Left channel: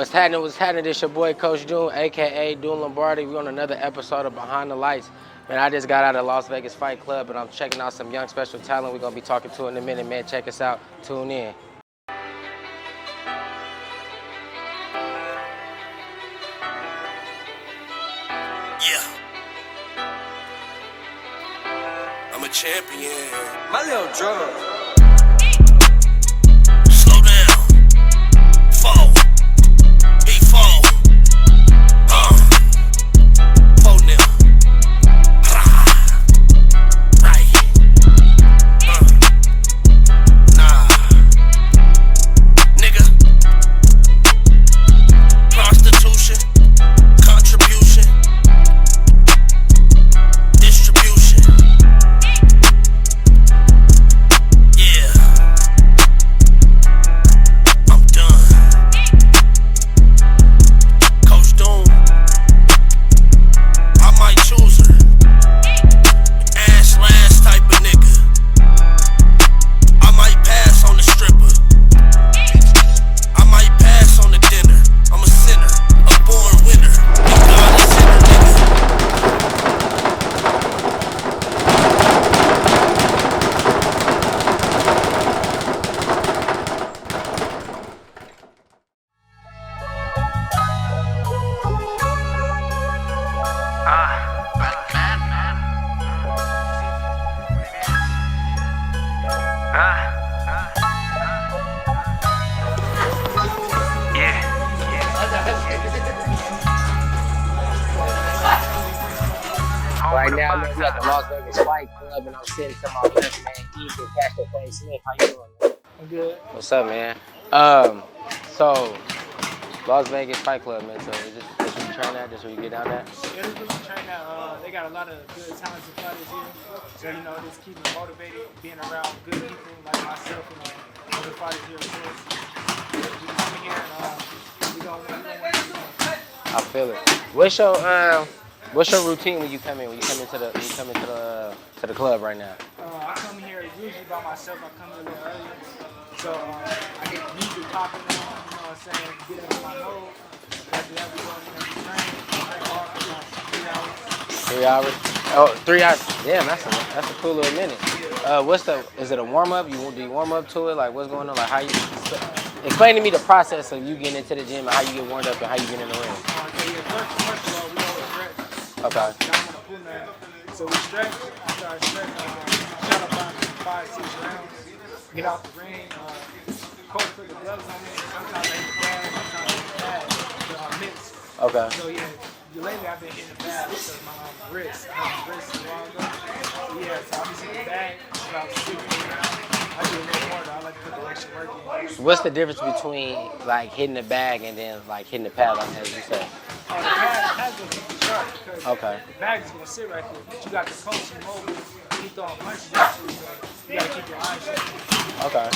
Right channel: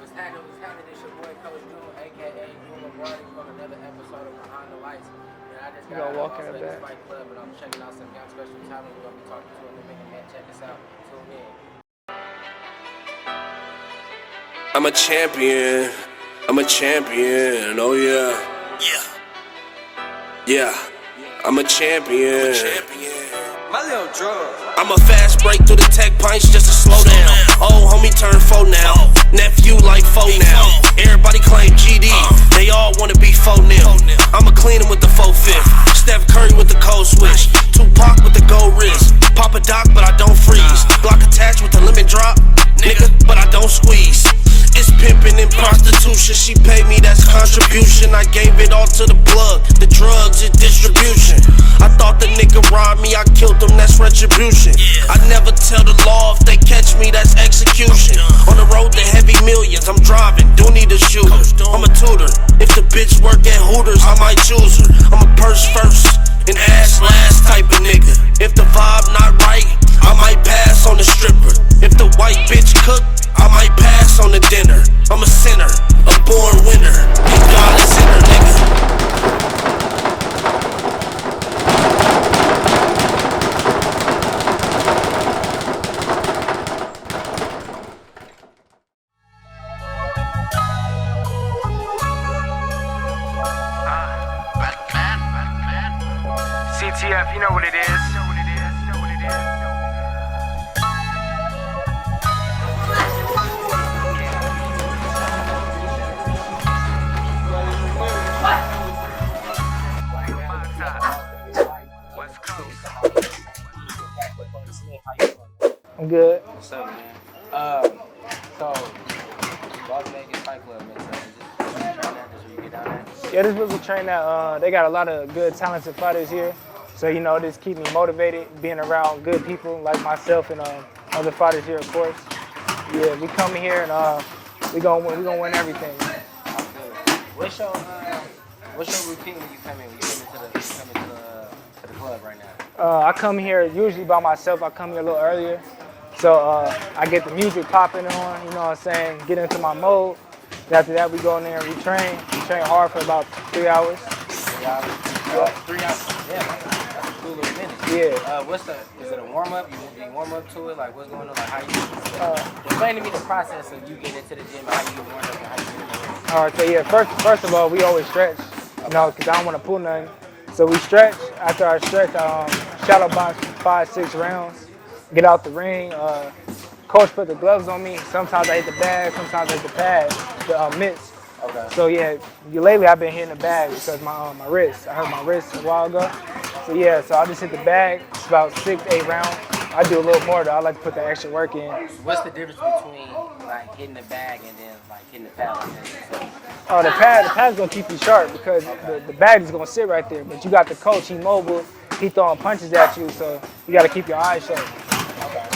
What's happening? What's happening? This your boy Coach Doom, aka Doom Lombardi. We on another episode of Behind the Lights. Man, I just got out of Las Vegas Fight Club, and I'm checking out some young special talent. We're gonna be talking to in a minute, man. Check us out. Tune in. I'm a champion. I'm a champion. Oh yeah. Yeah. I'm a champion. I'm a champion. My little drug. I'm a fast break through the tech pints just to slow down. Old homie turn 4 now. Nephew like 4 now. Everybody claim GD. They all wanna be 4 now. I'ma clean him with the 4-5. Steph Curry with the cold switch. Tupac with the gold wrist. Pop a doc, but I don't freeze. Block attached with the lemon drop. Nigga, but I don't squeeze. It's pimping and prostitution. She paid me, that's contribution. I gave it all to the plug. The drugs is distribution. I thought the nigga robbed me, I killed him, that's retribution. I never tell the law, if they catch me, that's execution. On the road to heavy millions, I'm driving, do need a shoe. I'm a tutor, if the bitch work at Hooters, I might choose her. I'm a purse first, and ass last type of nigga. If the vibe not right, I might pass on the stripper. If the white bitch cook, I might pass on the dinner. I'm a sinner, a born winner, and God is in her, nigga. CTF, you know what it is. Right now, we're at the Las Vegas Fight Club, and I'm sitting to my left, man. He's the cash with things. How you doing, man? I'm good. What's up, man? So Las Vegas Fight Club, man. So is this what you train at? This where you get down there? Yeah, this was a train that they got a lot of good, talented fighters here. So, you know, this keep me motivated, being around good people like myself and other fighters here, of course. Yeah, we come here and we gonna win everything. I feel it. What's your routine when you come in? When you come into the club right now? I come here usually by myself. I come here a little earlier. So I get the music popping on, you know what I'm saying, get into my mode. And after that, we go in there and we train. We train hard for about 3 hours. 3 hours? Oh, 3 hours. Yeah, that's a cool little minute. Yeah. Is it a warm-up? Do you warm up to it? Like, what's going on? Like, how you, explain to me the process of you getting into the gym and how you get warmed up and how you get in the ring. All right, so yeah, first of all, we always stretch, you know, because I don't want to pull nothing. So we stretch. After I stretch, shadow box 5-6 rounds, get out the ring. Coach put the gloves on me. Sometimes I hit the bag, sometimes I hit the pad, the mitts. Okay. So yeah, lately I've been hitting the bag because my wrist. I hurt my wrist a while ago. So yeah, so I just hit the bag. It's about 6-8 rounds. I do a little more though. I like to put the extra work in. What's the difference between like hitting the bag and then like hitting the pad like that you said? Oh, the pad's gonna keep you sharp because the bag is gonna sit right there. But you got the coach, he mobile, he throwing punches at you, so you gotta keep your eyes sharp. Okay.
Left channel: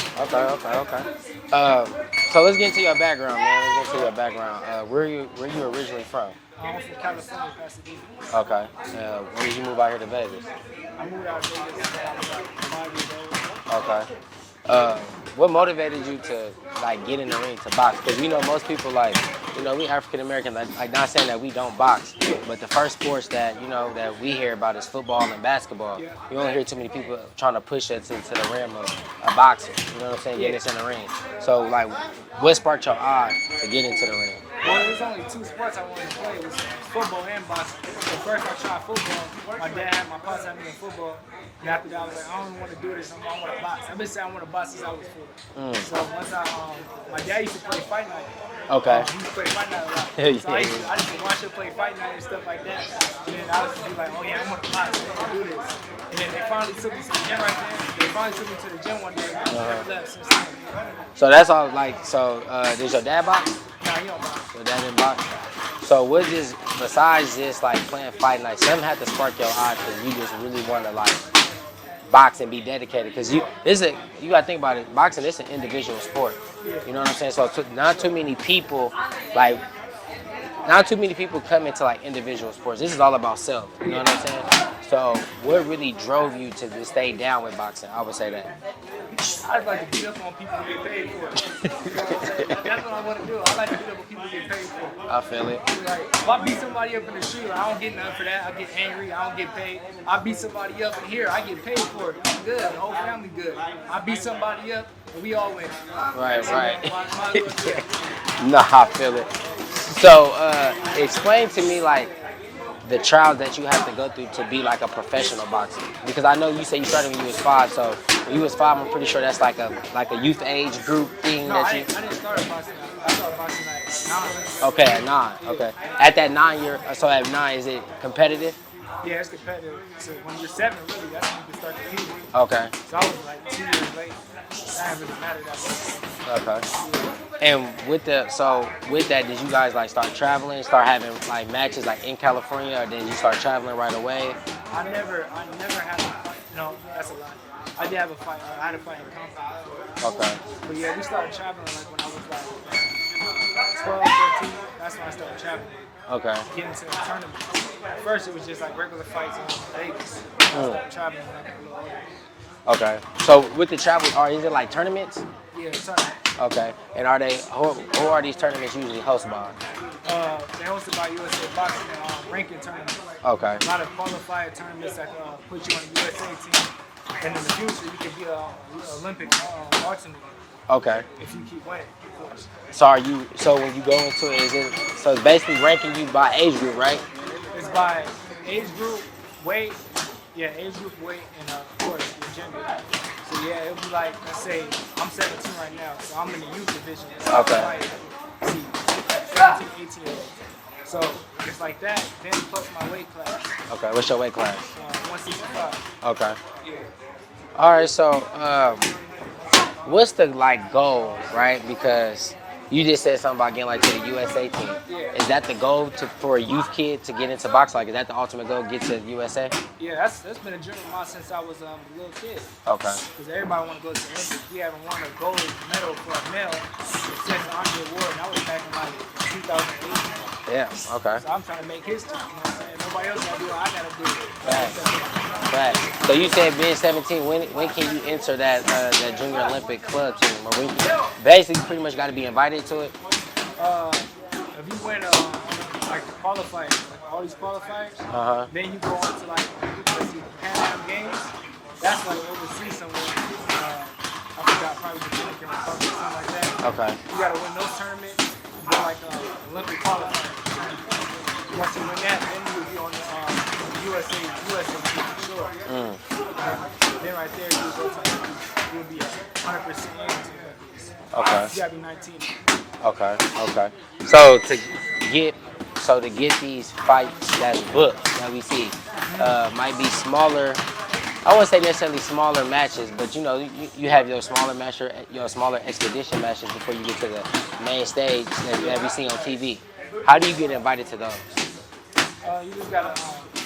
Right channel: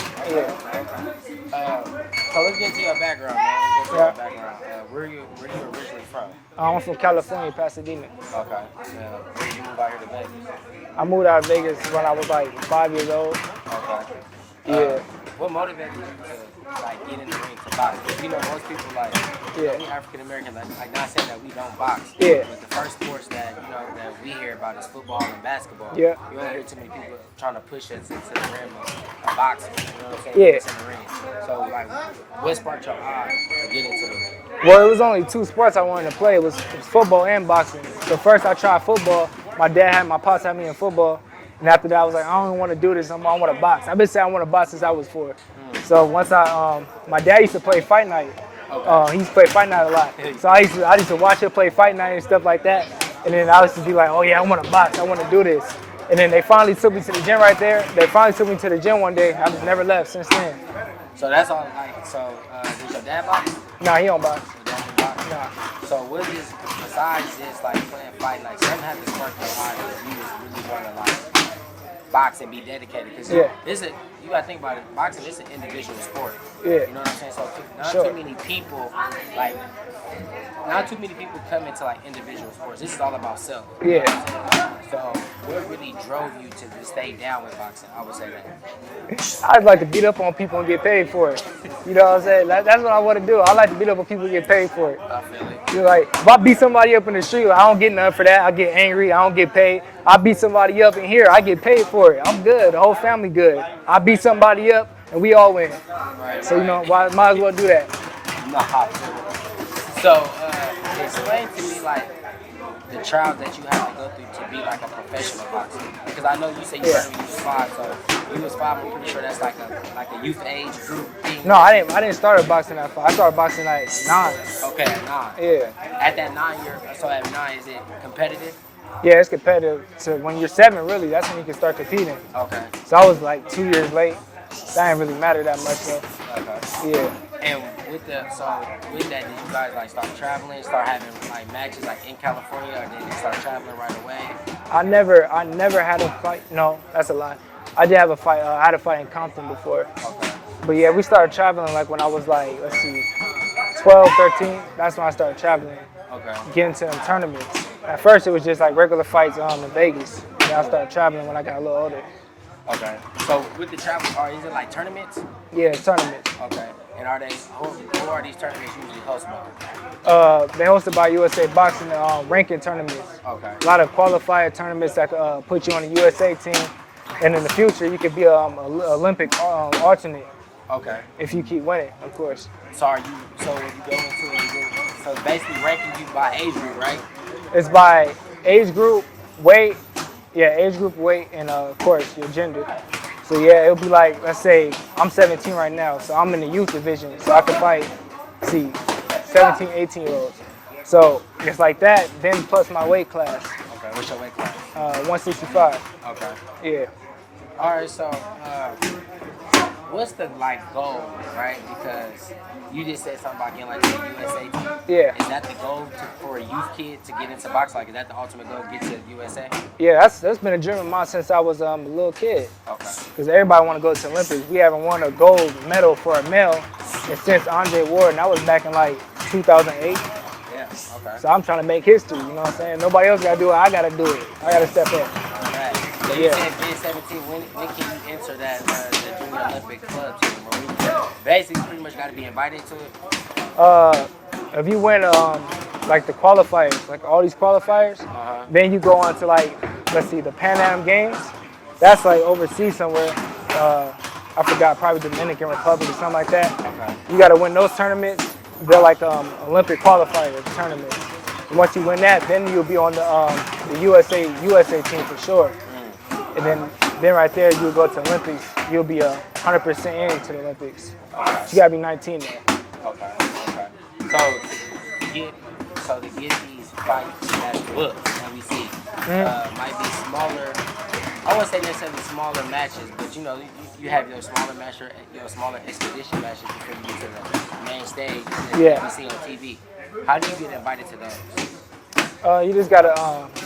So let's get into your background, man. Let's get into your background. Where are you originally from? I'm from California, Pasadena. Okay. Where did you move out here to Vegas? I moved out of Vegas when I was like 5 years old. Okay. What motivated you to like get in the ring to box? Because we know most people like, you know, we African Americans, like not saying that we don't box, but the first sports that that we hear about is football and basketball. Yeah. You don't hear too many people trying to push us into the rim of boxing. You know what I'm saying? Yeah. Get us in the ring. So like, what sparked your eye to get into the ring? Well, it was only 2 sports I wanted to play. It was football and boxing. So first I tried football. My pops had me in football. And after that, I was like, I don't even want to do this no more. I want to box. I've been saying I want to box since I was 4. So once my dad used to play fight night. Okay. He used to play fight night a lot. So I used to watch him play fight night and stuff like that. And then I used to be like, oh yeah, I want to box. I want to do this. And then they finally took me to the gym right there. They finally took me to the gym one day. I've never left since then. So that's all like, does your dad box? No, he don't box. Your dad didn't box? No. So what is, besides just like playing fight night, something had to spark your eye because you just really want to like box and be dedicated? Because you gotta think about it, boxing is an individual sport. Yeah. You know what I'm saying? So not too many people like not too many people come into like individual sports. This is all about self. You know what I'm saying? So what really drove you to stay down with boxing? I would say that. I'd like to beat up on people and get paid for it. You know what I'm saying? That's what I want to do. I like to beat up on people and get paid for it. I feel it. You're like, if I beat somebody up in the street, I don't get nothing for that. I get angry. I don't get paid. I beat somebody up in here. I get paid for it. I'm good. The whole family good. I beat somebody up and we all win. Right. So, you know, might as well do that. Nah, I feel it. So, explain to me like the trials that you have to go through to be like a professional boxer. Because I know you said you started when you was 5. So when you was 5, I'm pretty sure that's like a youth age group thing. No, I didn't start boxing at 5. I started boxing at 9. Okay, at 9. Yeah. Okay. At that 9 year, so at 9, is it competitive? Yeah, it's competitive. So when you're 7, really, that's when you can start competing. Okay. So I was like 2 years late. That didn't really matter that much though. Okay. Yeah. And with that, did you guys like start traveling, start having like matches like in California, or did you start traveling right away? I never had a fight. No, that's a lie. I did have a fight. I had a fight in Compton before. Okay. But yeah, we started traveling like when I was like, 12, 13. That's when I started traveling. Okay. Getting to tournaments. At first, it was just like regular fights in Vegas. Then I started traveling when I got a little older. Okay. So with the travel, is it like tournaments? Yeah, tournaments. Okay. And are they who are these tournaments usually hosted by? They hosted by USA Boxing ranking tournaments. Okay. A lot of qualifier tournaments that put you on the USA team, and in the future you could be an Olympic alternate. Okay. If you keep winning, of course. So when you go into it, so it's basically ranking you by age group, right? It's by age group, weight. Yeah, age group, weight, and of course your gender. So yeah, it'll be like, let's say I'm 17 right now, so I'm in the youth division, so I can fight, 17, 18-year-olds. So it's like that, then plus my weight class. Okay, what's your weight class? 165. Okay. Yeah. All right, so what's the like goal, right? Because you just said something about getting like to the USA team. Yeah. Is that the goal for a youth kid to get into boxing? Like, is that the ultimate goal, get to the USA? Yeah, that's been a dream of mine since I was a little kid. Okay. Because everybody want to go to the Olympics. We haven't won a gold medal for a male since Andre Ward, and that was back in like 2008. Yeah, okay. So I'm trying to make history, you know what I'm saying? Nobody else got to do it, I got to do it. I got to step up. Right. So you said being 17, when can you enter that Junior Olympic club team? Or when you basically pretty much got to be invited to it? If you win like the qualifiers, like all these qualifiers, then you go on to like, let's see, the Pan Am Games. That's like overseas somewhere. I forgot, probably Dominican Republic or something like that. Okay. You got to win those tournaments. They're like Olympic qualifiers tournaments. And once you win that, then you'll be on the USA team for sure. And then right there, you'll go to Olympics. You'll be 100% into the Olympics. Okay. You gotta be 19 now. Okay. So to get these fights that's booked that we see might be smaller. I wouldn't say necessarily smaller matches, but you know, you have your smaller expedition matches before you get to the main stage that we see on TV. How do you get invited to those? You just gotta,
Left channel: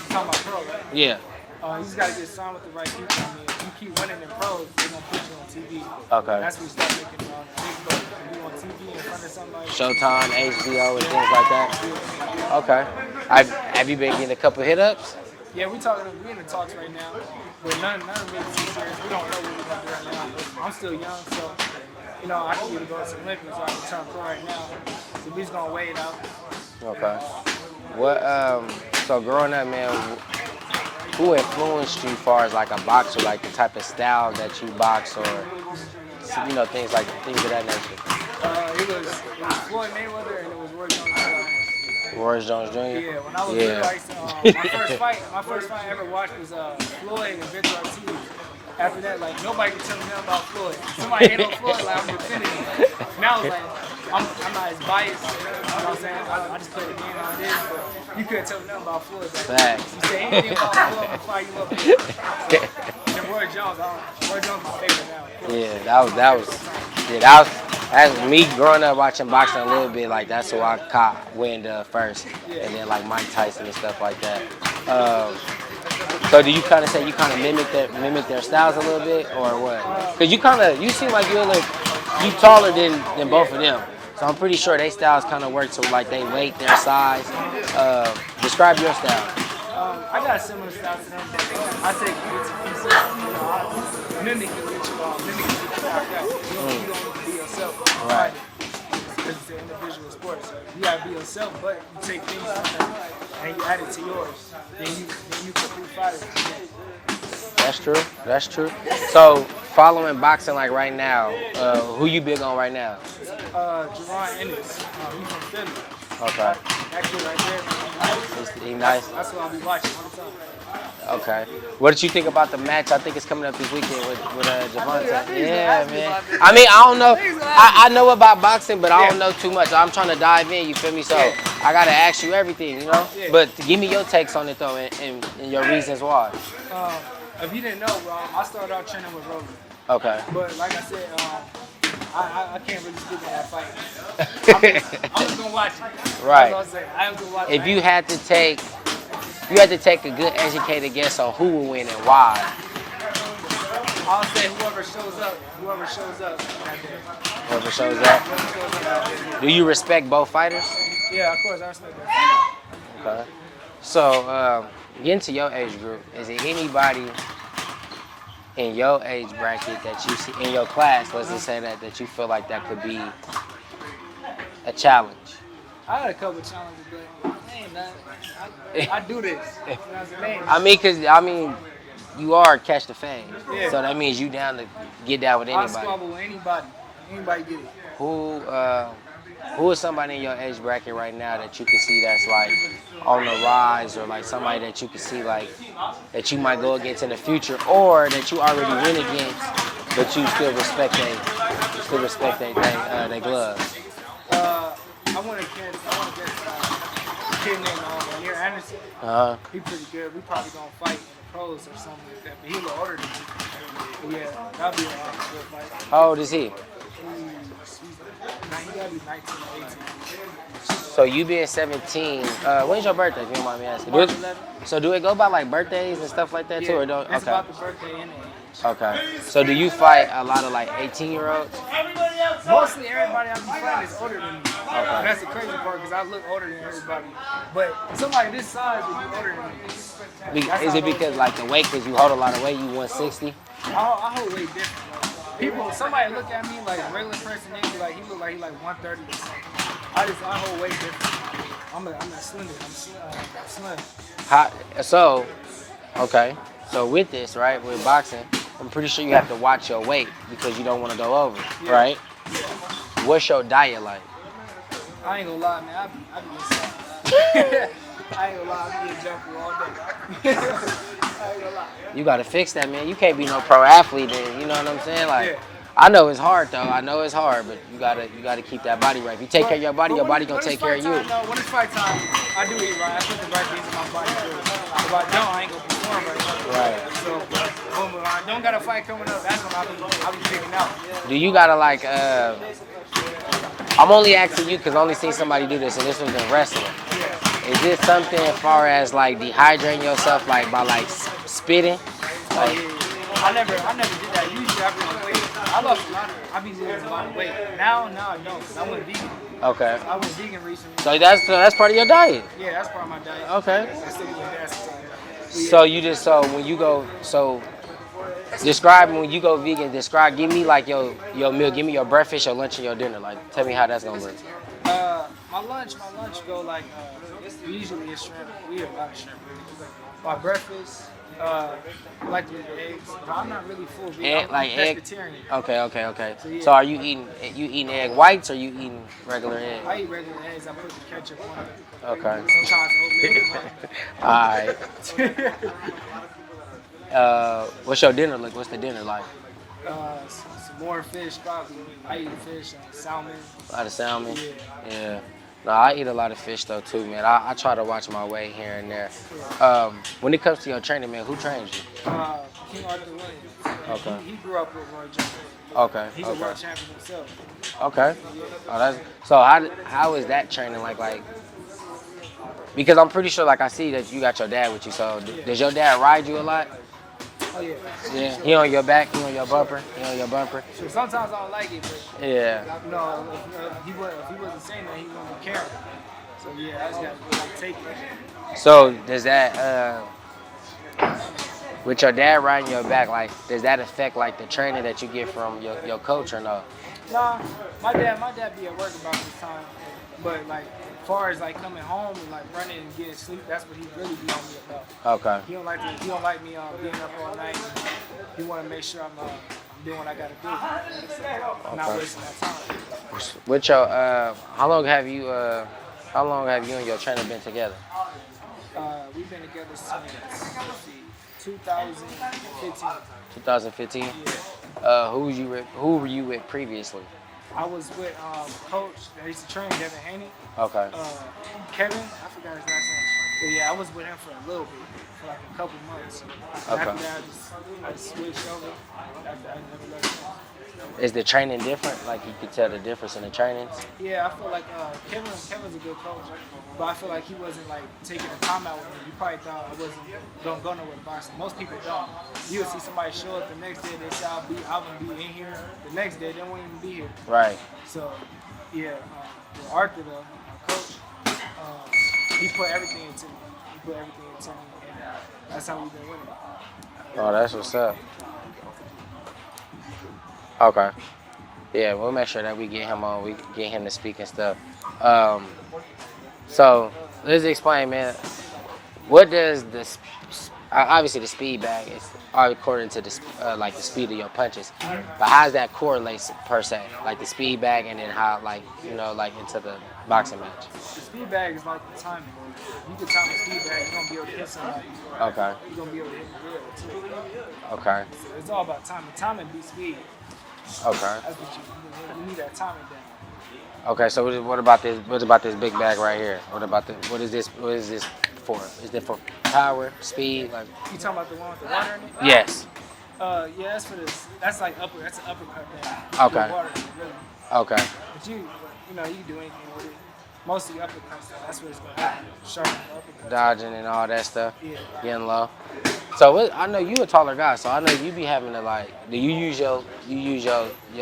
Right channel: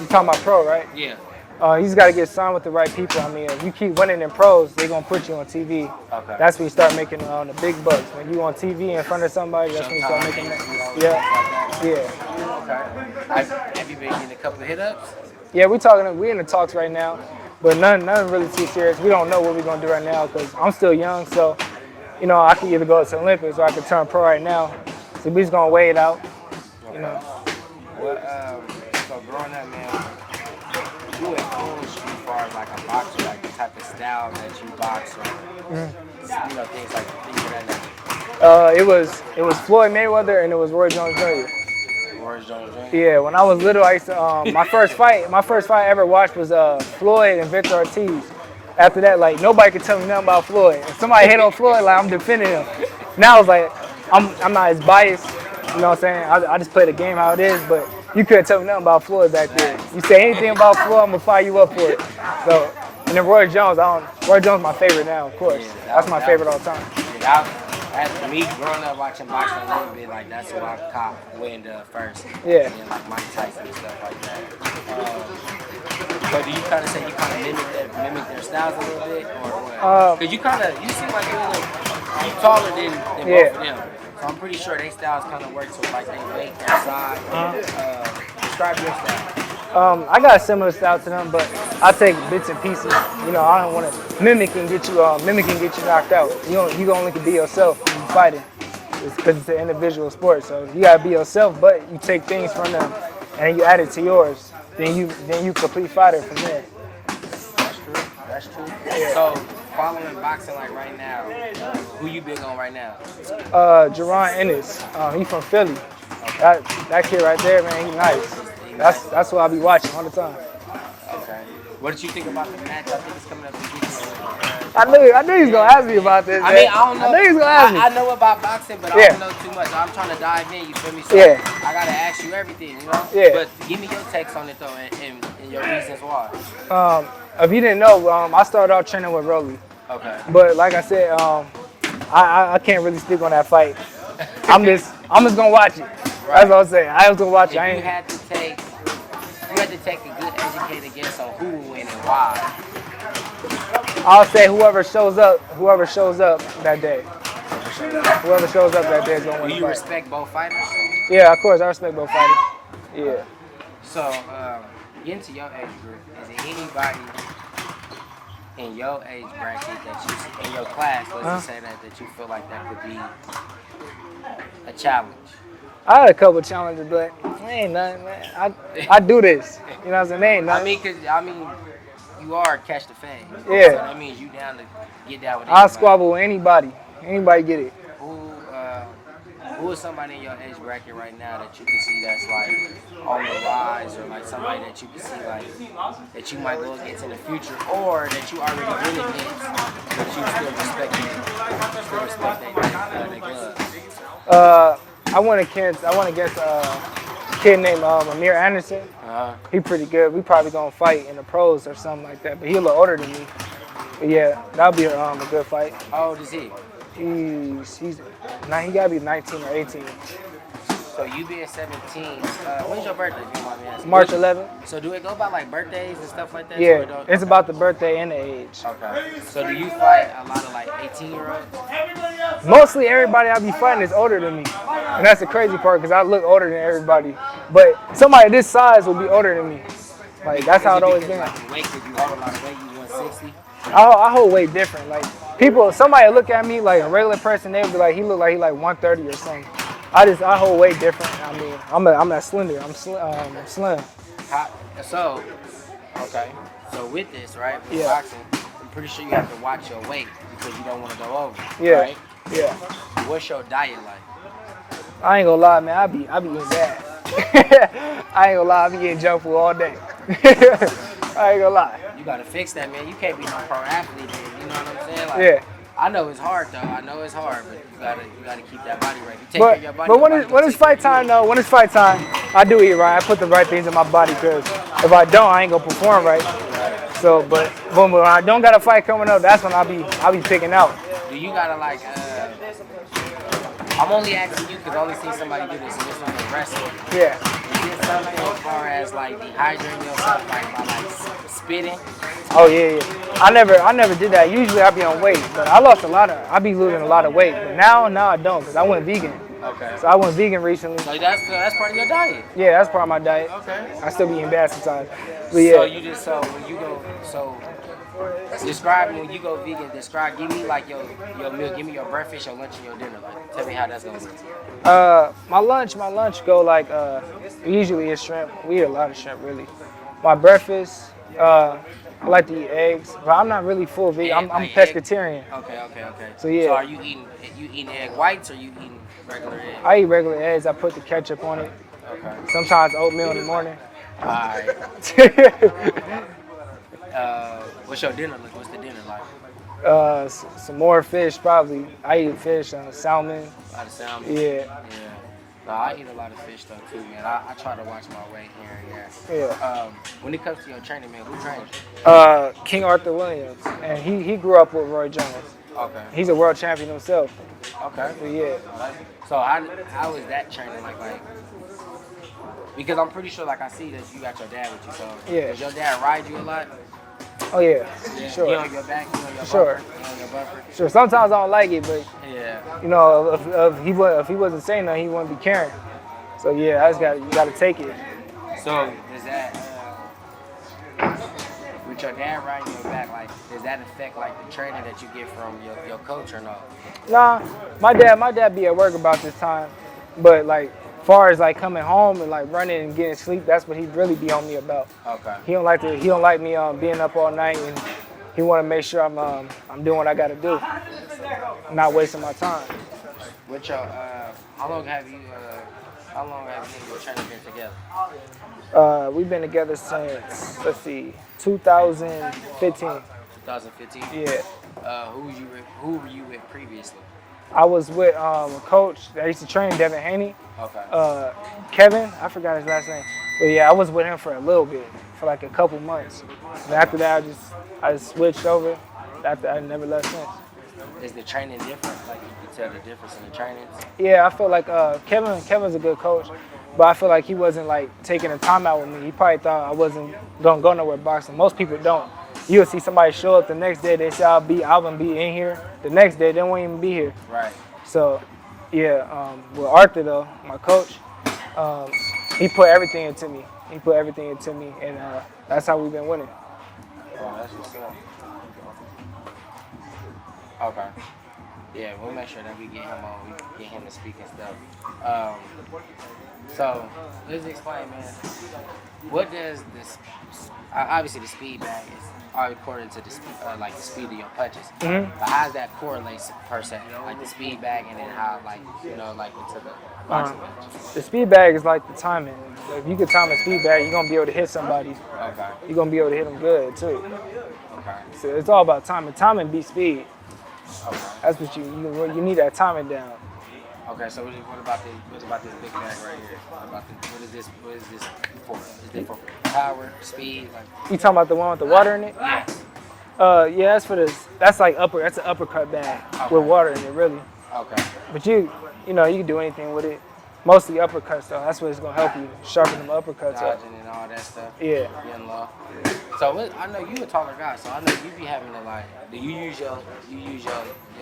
you talking about pro, right? Yeah. You just gotta get signed with the right people. I mean, if you keep winning in pros, they're gonna put you on TV. Okay. That's when you start making the big bucks. When you on TV in front of somebody. Showtime, HBO, and things like that. Yeah. Okay. Have you been getting a couple hit-ups? Yeah, we in the talks right now, but none really too serious. We don't know what we're gonna do right now because I'm still young, so you know I can either go to the Olympics or I can turn pro right now. So we're just gonna weigh it out. Okay. You know. What? So growing up, man, who influenced you as far as like a boxer, like the type of style that you box, or you know things of that nature? It was Floyd Mayweather and it was Roy Jones Jr. Roy Jones Jr. Yeah, when I was little, I used to, my first fight I ever watched was Floyd and Victor Ortiz. After that, like nobody could tell me nothing about Floyd. If somebody hit on Floyd, like I'm defending him. Now I was like, I'm not as biased. You know what I'm saying? I just play the game how it is, but you couldn't tell me nothing about Floyd back then. You say anything about Floyd, I'm gonna fire you up for it. So, and then Roy Jones, Roy Jones my favorite now, of course. Yeah, that's my favorite all the time. Yeah, that's me growing up watching boxing a little bit. Like that's who I caught wind of first. Yeah. And then like Mike Tyson and stuff like that. So do you kind of say you kind of mimic their styles a little bit, or what? Because you seem like you taller than both of them. So I'm pretty sure their styles kind of work to like they weight, their size. Describe your style. I got a similar style to them, but I take bits and pieces. You know, I don't want to mimic and get you knocked out. You only can be yourself when you fighting. It's because it's an individual sport, so you gotta be yourself. But you take things from them and you add it to yours. Then you complete fighter from there. That's true. That's true. So following boxing like right now, who you big on right now? Jerron Ennis. He from Philly. Okay. That kid right there, man, he nice. He nice. That's what I be watching all the time. Okay. What did you think about the match? I think it's coming up this weekend with I knew he was gonna ask me about this. I mean, I don't know. I knew he was gonna ask me. I know about boxing, but I don't know too much. I'm trying to dive in. You feel me? So I gotta ask you everything, you know. Yeah. But give me your takes on it though, and your reasons why. If you didn't know, I started off training with Rolando. Okay. But like I said, I can't really speak on that fight. I'm just gonna watch it. Right. That's what I'm saying. I was gonna watch it. If you had to take a good educated guess on who will win and why. I'll say whoever shows up that day. Whoever shows up. Whoever shows up that day is gonna Do win. you respect both fighters? Yeah, of course. I respect both fighters. Yeah. So, getting to your age group, is there anybody in your age bracket that you see, in your class, let's just say that you feel like that could be a challenge? I had a couple challenges, but ain't nothing, man. I do this. You know what I'm saying? They ain't nothing. I mean, you are catch the fame. Yeah. So that means you down to get down with anybody. I'll squabble with anybody. Anybody get it. Who is somebody in your age bracket right now that you can see that's like on the rise, or like somebody that you can see like that you might go against in the future, or that you already win against, but you still respect their gloves? I went against a kid named Amir Anderson. He pretty good. We probably gonna fight in the pros or something like that. But he a little older than me. But yeah, that'll be a good fight. How old is he? He gotta be 19 or 18. So you being 17, when's your birthday, if you don't mind me asking? March 11th. So do it go by like birthdays and stuff like that? Yeah, too, or don't? it's about the birthday and the age. Okay. So do you fight a lot of like 18-year-olds? Mostly everybody I be fighting is older than me. And that's the crazy part, because I look older than everybody. But somebody this size will be older than me. Like, that's how it always because been. like the weight, because you hold a lot of weight, you 160? I hold weight different. Like somebody look at me like a regular person, they would be like, he look like he like 130 or something. I hold weight different. I mean, I'm not slender. I'm slim. So with this, right, with boxing, I'm pretty sure you have to watch your weight because you don't want to go over, right? Yeah. What's your diet like? I ain't gonna lie, man. I be eating bad. I ain't gonna lie. I be getting junk food all day. I ain't gonna lie. You gotta fix that, man. You can't be no pro athlete then. You know what I'm saying? Like, yeah. I know it's hard though. I know it's hard, but you gotta keep that body right. If you take care of your body, but your body gonna take care of you. When it's fight time, I do eat right. I put the right things in my body, because if I don't, I ain't gonna perform right. Right. So, but when I don't got a fight coming up, that's when I'll be picking out. Do you gotta like? I'm only asking you because I only seen somebody do this, and this was a wrestler. Yeah. Is this something as far as like dehydrating yourself, like by like spitting? Oh yeah. I never did that. Usually I be on weight, but I be losing a lot of weight. But now I don't, because I went vegan. Okay. So I went vegan recently. So that's part of your diet. Yeah, that's part of my diet. Okay. I still be eating bad sometimes. But yeah. So when you go describe when you go vegan. Give me like your meal. Give me your breakfast, your lunch, and your dinner. Like, tell me how that's gonna work. My lunch go like usually it's shrimp. We eat a lot of shrimp really. My breakfast, I like to eat eggs, but I'm not really full vegan. I'm pescatarian. Okay. So yeah. So are you eating egg whites or you eating regular eggs? I eat regular eggs. I put the ketchup on it. Okay. Sometimes oatmeal in the morning. All right. What's your dinner like? What's the dinner like? Some more fish probably. I eat fish, salmon. A lot of salmon. Yeah. No, I eat a lot of fish though too, man. I try to watch my weight here and there. Yeah. When it comes to your training, man, who trains you? King Arthur Williams. And he grew up with Roy Jones. Okay. He's a world champion himself. Okay. So, yeah. Oh, so how is that training like? Because I'm pretty sure, like I see that you got your dad with you. So does your dad ride you a lot? Oh yeah. Yeah. Sure. He on your back, he on your Sure. bumper, he on your bumper. Sure. Sometimes I don't like it, but Yeah. you know, if he wasn't saying nothing, he wouldn't be caring. So yeah, I just gotta take it. So does that with your dad riding your back, like does that affect like the training that you get from your coach or no? Nah, my dad be at work about this time, but like far as like coming home and like running and getting sleep, that's what he really be on me about. Okay. He don't like me being up all night, and he want to make sure I'm doing what I gotta do. I'm not wasting my time. With your how long have you and your trainer been together? We've been together since 2015. 2015. Yeah. Who were you with previously? I was with a coach that used to train, Devin Haney. Okay. Kevin, I forgot his last name. But yeah, I was with him for a little bit, for like a couple months. And after that, I just switched over. After I never left since. Is the training different? Like you can tell the difference in the trainings? Yeah, I feel like Kevin's a good coach, but I feel like he wasn't like taking a time out with me. He probably thought I wasn't gonna go nowhere boxing. Most people don't. You'll see somebody show up the next day, they say I'm gonna be in here. The next day, they won't even be here. Right. So, yeah, with Arthur though, my coach, he put everything into me. And that's how we've been winning. Oh, that's what's up. Okay. Yeah, we'll make sure that we get him on. We get him to speak and stuff. So let's explain, man. What does obviously the speed bag is according to the like the speed of your punches. Mm-hmm. But how does that correlate per se? Like the speed bag and then how like like into the boxing match. The speed bag is like the timing. If you can time a speed bag, you're gonna be able to hit somebody. Okay. You're gonna be able to hit them good too. Okay. So it's all about timing. Timing beats speed. Okay. That's what you need that timing down. Okay. So what about this? What about this big bag right here? What is this for? Is it for power, speed? Like, You talking about the one with the water in it? yes. Yeah, that's for this. That's like that's an uppercut bag with water in it, really. Okay. But you can do anything with it. Mostly uppercuts though. That's what it's gonna help you sharpen them uppercuts. Dodging and all that stuff. Yeah. Getting low. So I know you a taller guy, so I know you be having to like. Do you use your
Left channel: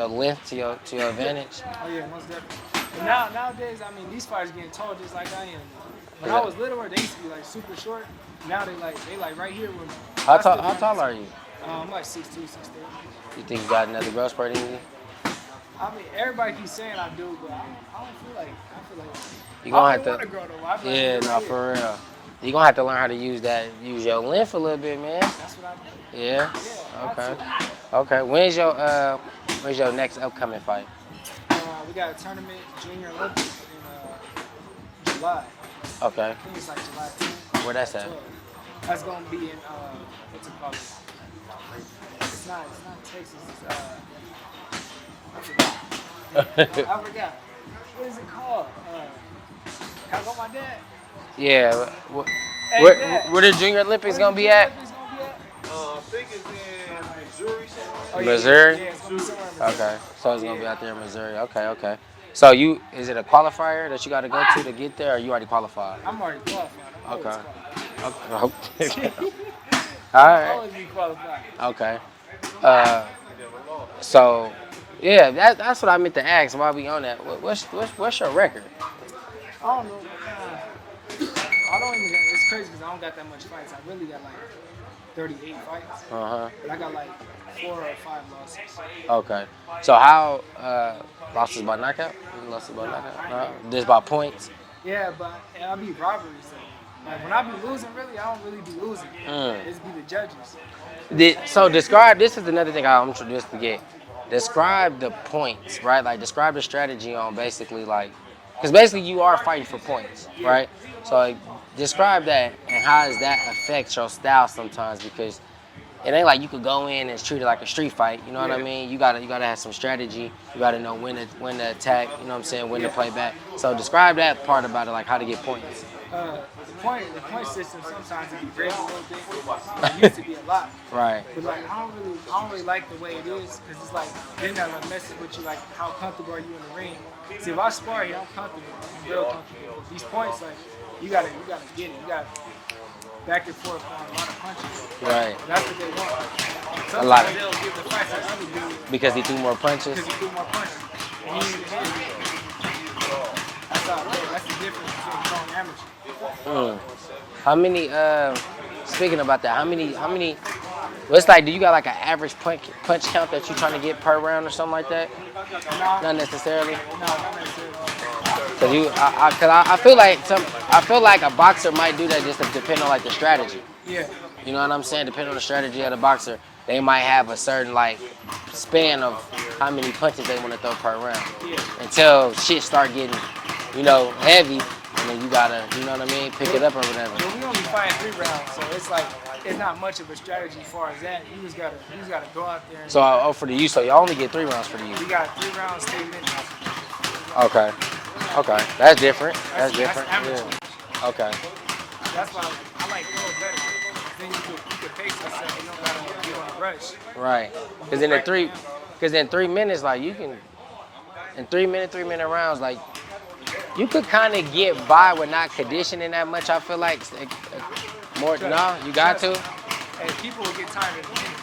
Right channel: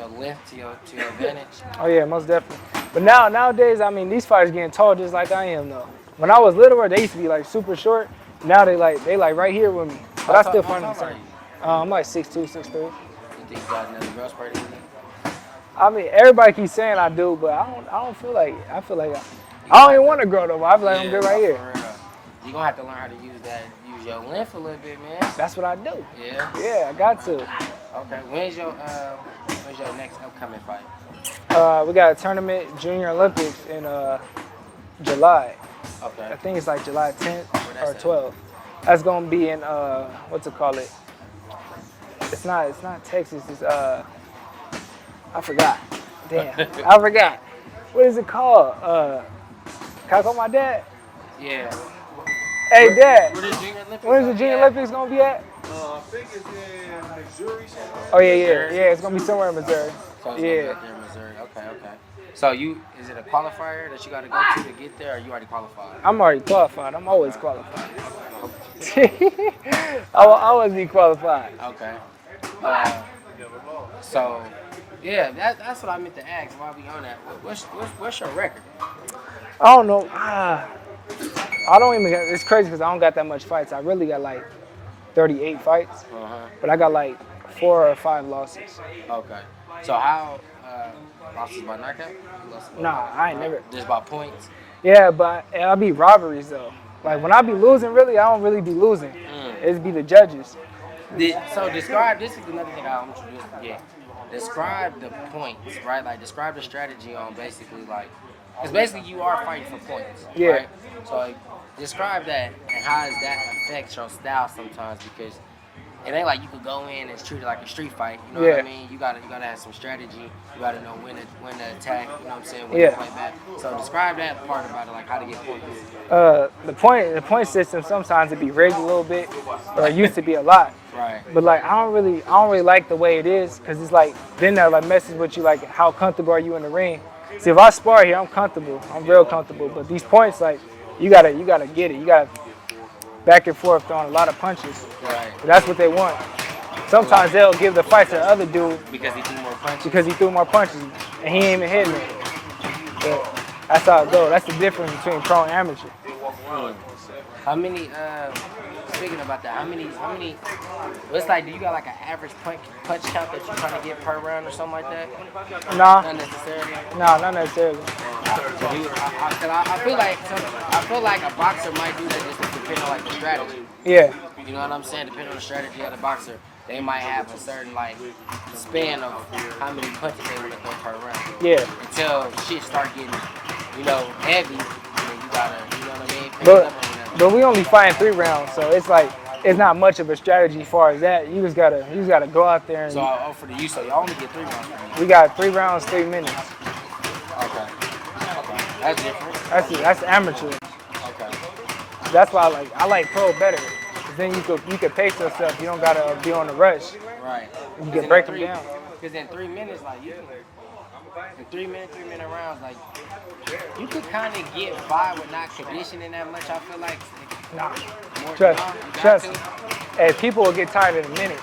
length to your advantage? Oh yeah, most definitely. But nowadays, I mean, these fighters getting tall just like I am though. When I was littler, they used to be like super short. Now they like right here with me. But How tall are you? I'm like 6'2", 6'3". You think you got another growth spurt in you? I mean, everybody keeps saying I do, but I don't feel like I You don't gonna even have want to grow though. I feel like I'm good right here. For real. You gonna have to learn how to use your length a little bit, man. That's what I do. Yeah. Yeah, I got to. Okay. When's your next upcoming fight? We got a tournament, Junior Olympics in July. Okay. I think it's like July 10th Where that's or at? 12th. That's gonna be in what's it called? It's not Texas. It's I forgot. Damn, I forgot. What is it called? Can I call my dad? Yeah. Hey, Dad. Where the Junior Olympics Where's gonna the be Junior at? Olympics gonna be at? I think it's in Missouri somewhere. Oh yeah, Missouri? yeah, it's gonna be somewhere in Missouri. Okay. So it's gonna be Yeah. out there in Missouri. Okay. So is it a qualifier that you got to go to get there, or you already qualified? I'm already qualified. I'm always Okay. qualified. Okay. I'll always be qualified. Okay. So, yeah, that's what I meant to ask while we on that. What's your record? I don't know. I don't even. It's crazy because I don't got that much fights. I really got like 38 fights, but I got like 4 or 5 losses. Okay. So how losses by knockout? I ain't never. Just by points. Yeah, but I'll be robberies though. Like when I be losing, really, I don't really be losing. It's be the judges. So describe. This is another thing I'm introduced to get. Describe the points, right? Like describe the strategy on basically like, because basically you are fighting for points, Yeah. right? So like, describe that and how does that affect your style sometimes? Because it ain't like you could go in and treat it like a street fight. You know what I Yeah. mean? You gotta have some strategy. You gotta know when to attack. You know what I'm saying? When Yeah. to play back. So describe that part about it, like how to get points. The point system sometimes it be rigged a little bit, or it used to be a lot. Right. But like I don't really like the way it is because it's like then that like messes with you like how comfortable are you in the ring. See if I spar here I'm comfortable, I'm real comfortable. But these points like you gotta get it. You back and forth throwing a lot of punches. Right. That's what they want. Sometimes they'll give the fight to the other dude because he threw more punches. and he ain't even hitting it. But that's how it goes. That's the difference between pro and amateur. How many? Speaking about that, how many? Well, it's like, do you got like an average punch count that you're trying to get per round or something like that? Nah. Not necessarily. No, not necessarily. Cause I feel like a boxer might do that just to depend on like the strategy. Yeah. You know what I'm saying? Depending on the strategy of the boxer, they might have a certain like span of how many punches they want to throw per round. Yeah. Until shit start getting, heavy, and then you gotta, you know what I mean, pick it up or whatever. But we only fighting 3 rounds, so it's like it's not much of a strategy as far as that. You just gotta go out there. And So so you only get 3 rounds for the youth. we got 3 rounds, 3 minutes. Okay. That's different. That's amateur. Yeah. Okay. That's why I like pro better. Then you could pace yourself. You don't gotta be on the rush. Right. You Because can in break them down. 3 minutes, like you can, in 3 minute rounds, like you could kind of get by with not conditioning that much. I feel like more. You got to. And people will get tired in a minute.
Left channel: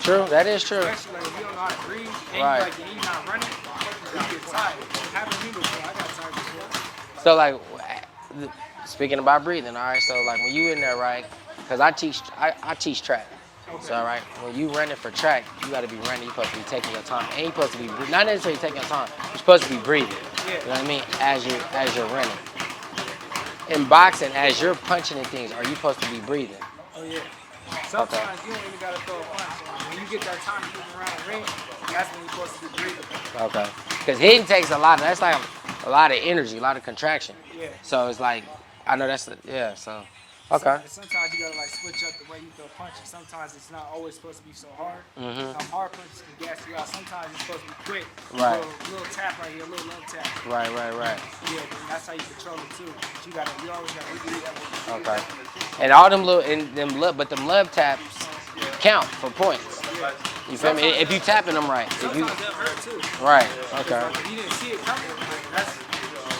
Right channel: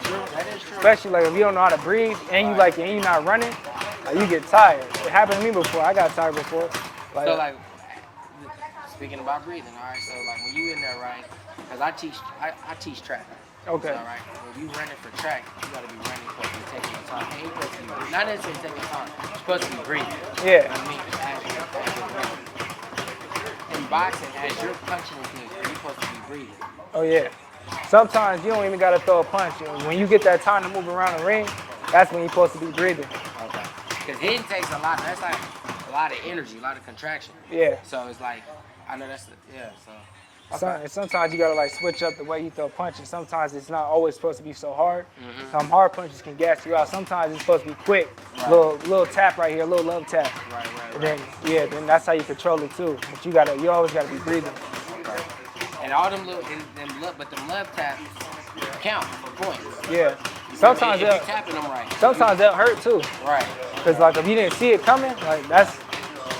True. That is true. Especially like if you don't know how to breathe and you're not running, you get tired. It happened to me before. I got tired before. So speaking about breathing, all right. So like when you in there, right? Because I teach track. Okay. So, right, when you running for track, you got to be running. You're supposed to be taking your time. And you're supposed to be not necessarily taking your time. You're supposed to be breathing. Yeah. You know what I mean? As you're running. In boxing, as you're punching and things, are you supposed to be breathing? Oh yeah. Sometimes you don't even gotta throw a punch. When you get that time to move around the ring, that's when you're supposed to be breathing. Okay. Because hitting takes a lot. That's like a lot of energy, a lot of contraction. Yeah. So it's like, I know that's so. Okay. And sometimes you gotta switch up the way you throw punches. Sometimes it's not always supposed to be so hard. Some hard punches can gas you out. Sometimes it's supposed to be quick. Right. Little tap right here, a little love tap. Right. Then that's how you control it too. But you always gotta be breathing. Okay. And all them but them love taps count for points. Yeah. You feel me? If you tapping them right. Sometimes they'll hurt too. Right. Because if you didn't see it coming,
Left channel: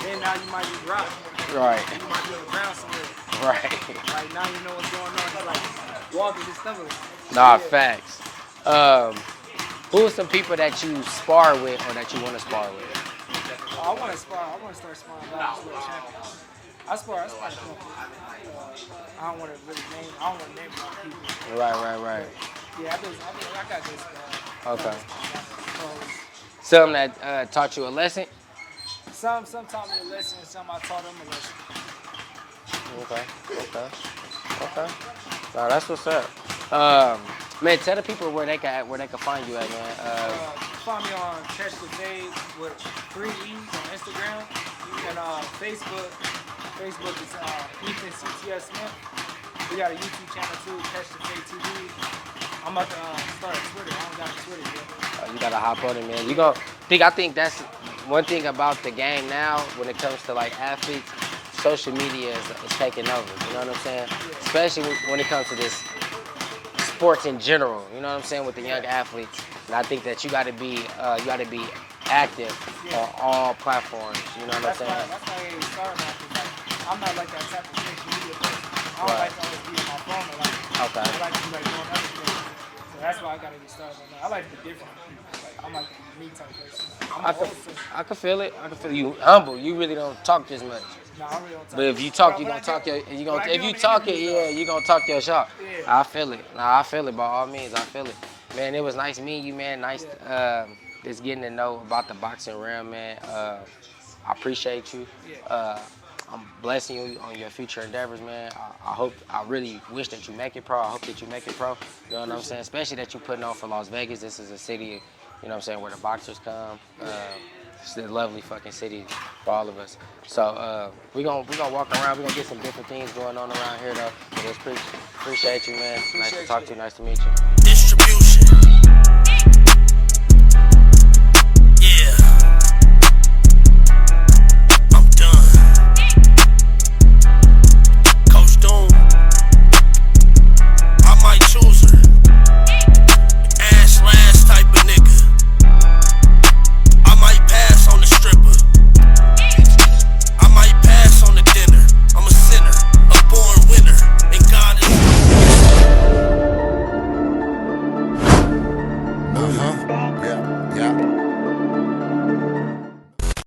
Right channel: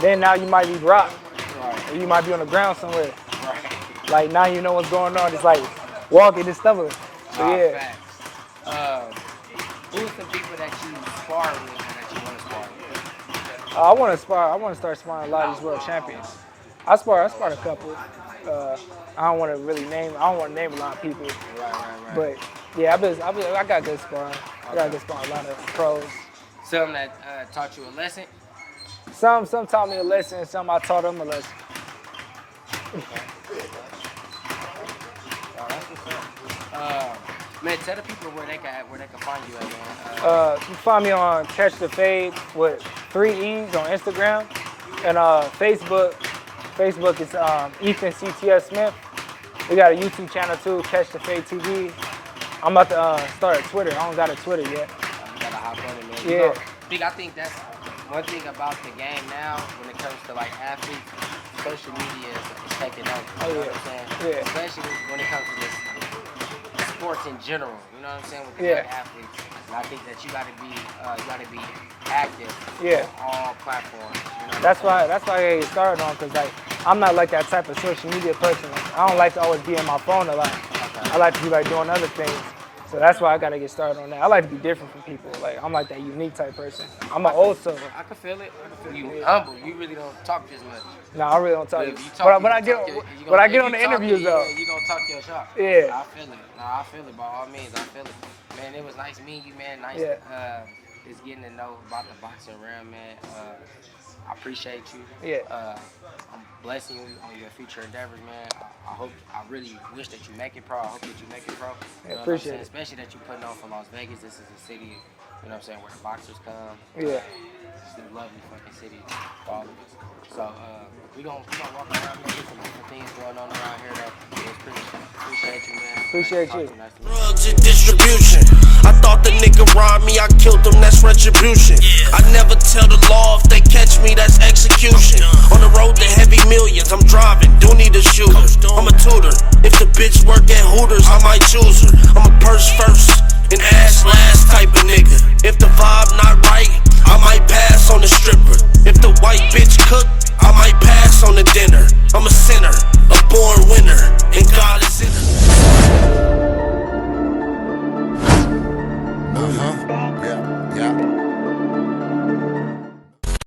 then now you might be rocked. Right. Or you might be on the ground somewhere. Right. Like now you know what's going on. It's like walking and stuff. Facts. Who are some people that you spar with or that you want to spar with? I want to start sparring a lot of these world champions. I spar a couple. I don't want to name a lot of people. Right. But yeah, I got good sparring. I got good sparring a lot of pros. Some that taught you a lesson? Some taught me a lesson, and some I taught them a lesson. Okay. That's what's up. Man, tell the people where they can find you at, man. You can find me on Catch the Fade with 3 E's on Instagram, and Facebook. Facebook is Ethan CTF Smith. We got a YouTube channel too, Catch the Fade TV. I'm about to start a Twitter. I don't got a Twitter yet. You gotta hop on it, man. Yeah. I think that's one thing about the game now when it comes to like athletes. Social media is taking over. You know what I'm saying? Yeah. Especially when it comes to this sports in general. You know what I'm saying with the young athletes. And I think that you got to be active on all platforms. You know that's why I started on, because I'm not like that type of social media person. I don't like to always be on my phone a lot. Okay. I like to be doing other things. So that's why I gotta get started on that. I like to be different from people. I'm like that unique type person. I'm an old soul. I can feel it. You humble. You really don't talk this much. No, I really don't talk. But if you talk, but I get on the interviews though. You gonna talk your shop. Yeah. I feel it. I feel it by all means. I feel it. Man, it was nice meeting you, man. Nice just getting to know about the boxing realm, man. I appreciate you. Yeah. I'm blessing you on your future endeavors, man. I really wish that you make it pro. I hope that you make it pro. You know what I'm saying? Especially that you're putting on for Las Vegas. This is a city, you know what I'm saying, where the boxers come. Yeah. It's a lovely fucking city for all of us. So we gonna walk around. We're gonna get some different things going on around here, though. Just appreciate you, man. Appreciate nice to talk you. to you. Nice to meet you. Drugs and distribution. I thought the nigga robbed me. I